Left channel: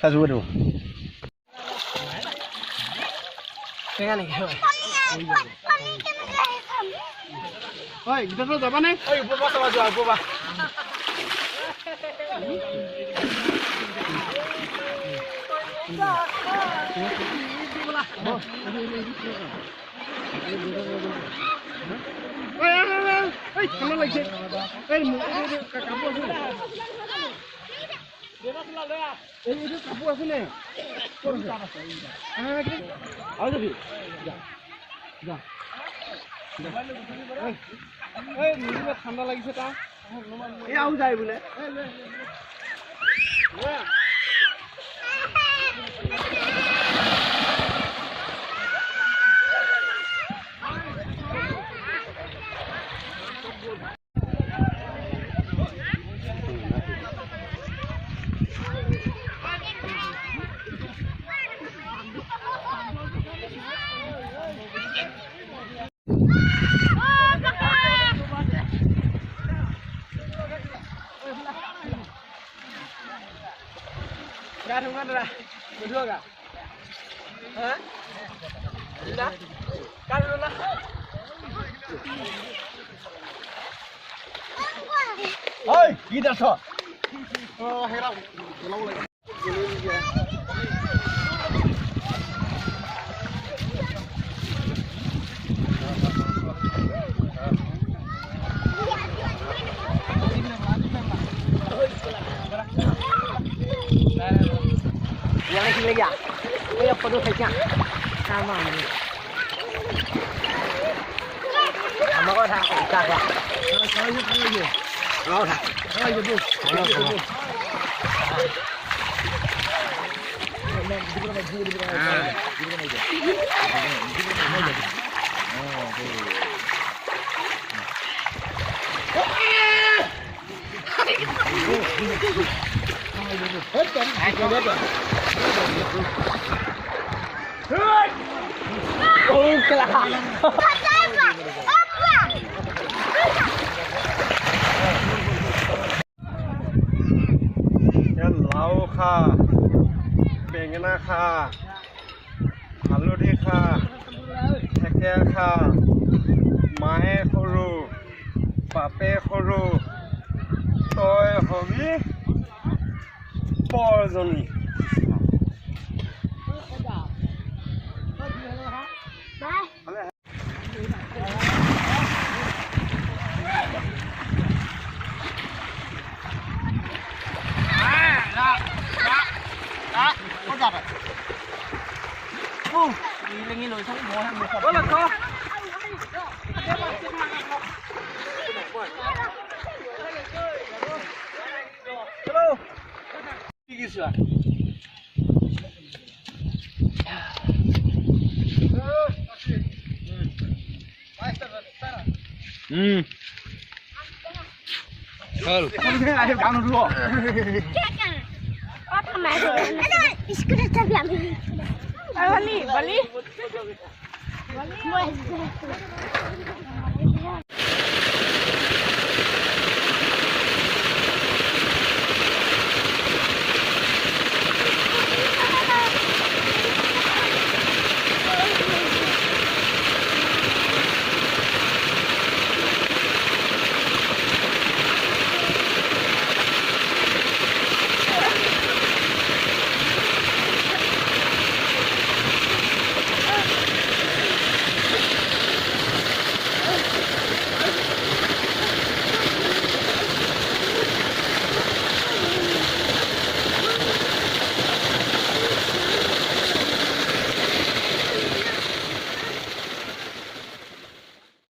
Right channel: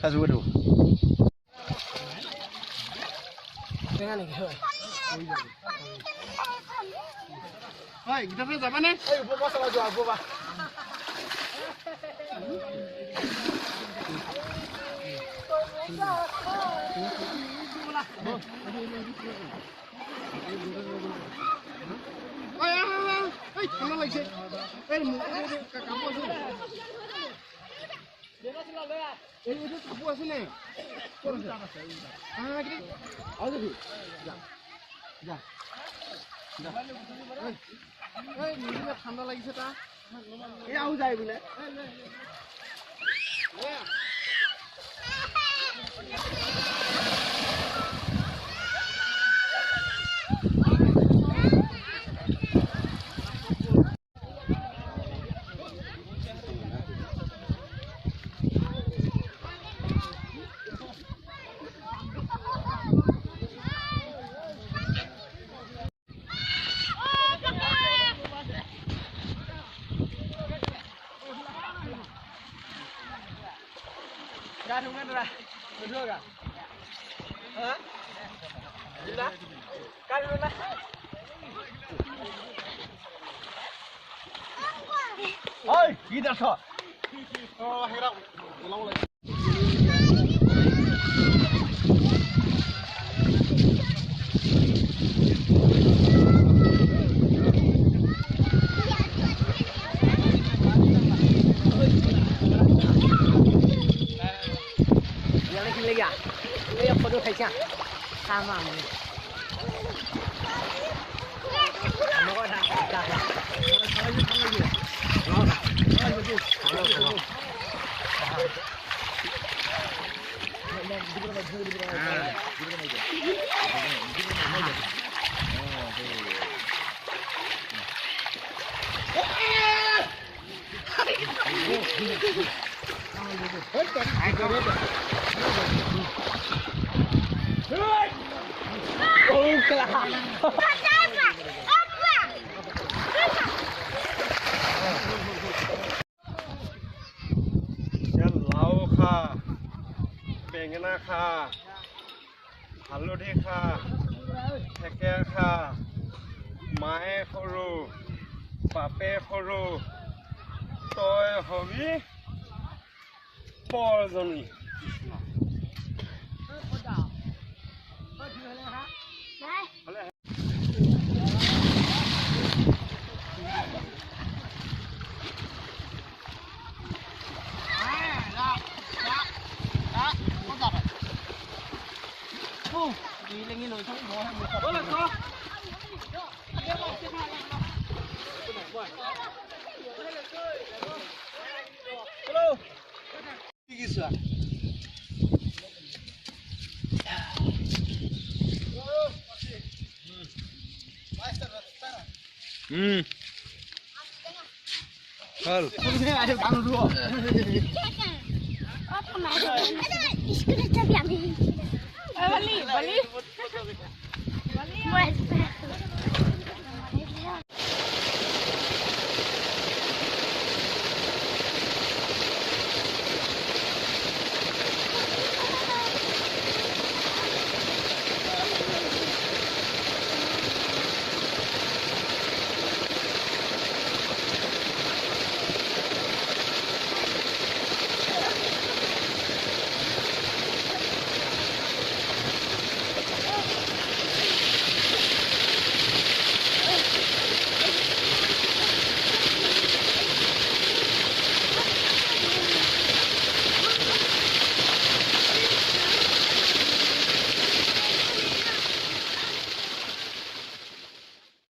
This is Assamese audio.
Kasih dulu. Tengah nih. Oi, kita tuh apa nih? Oi, buka sama jual buka. Oi, kamu lagi. Kamu asal. Ini kamu asal nih. Ah, gini. Ayo deh. Ya. এই মুখে ঠান্ডা লাগিছে তা এও যায় বলে Gak ada mana berdua gak? Hah? Gila? Kan lu lah. Oi, kita so. Oh, herau. Ulang lagi. Yang lagi lagi ya? Kayak perlu saja. Sama ini. Sama kau tak tak ya? Kalau aja. Kau tak? Ayo bu. লাউ খা বেঙেনা খা হালধি খা থেকেৰা খা মায়ে সৰু বাপে সৰু তই hobby পৰজনী Ini lỗi không bố hàng một là có. Hello. Gì sửa? Ayo kamu dulu. Oh, teman. Ada iskut tapi ambil. Bali. Buat.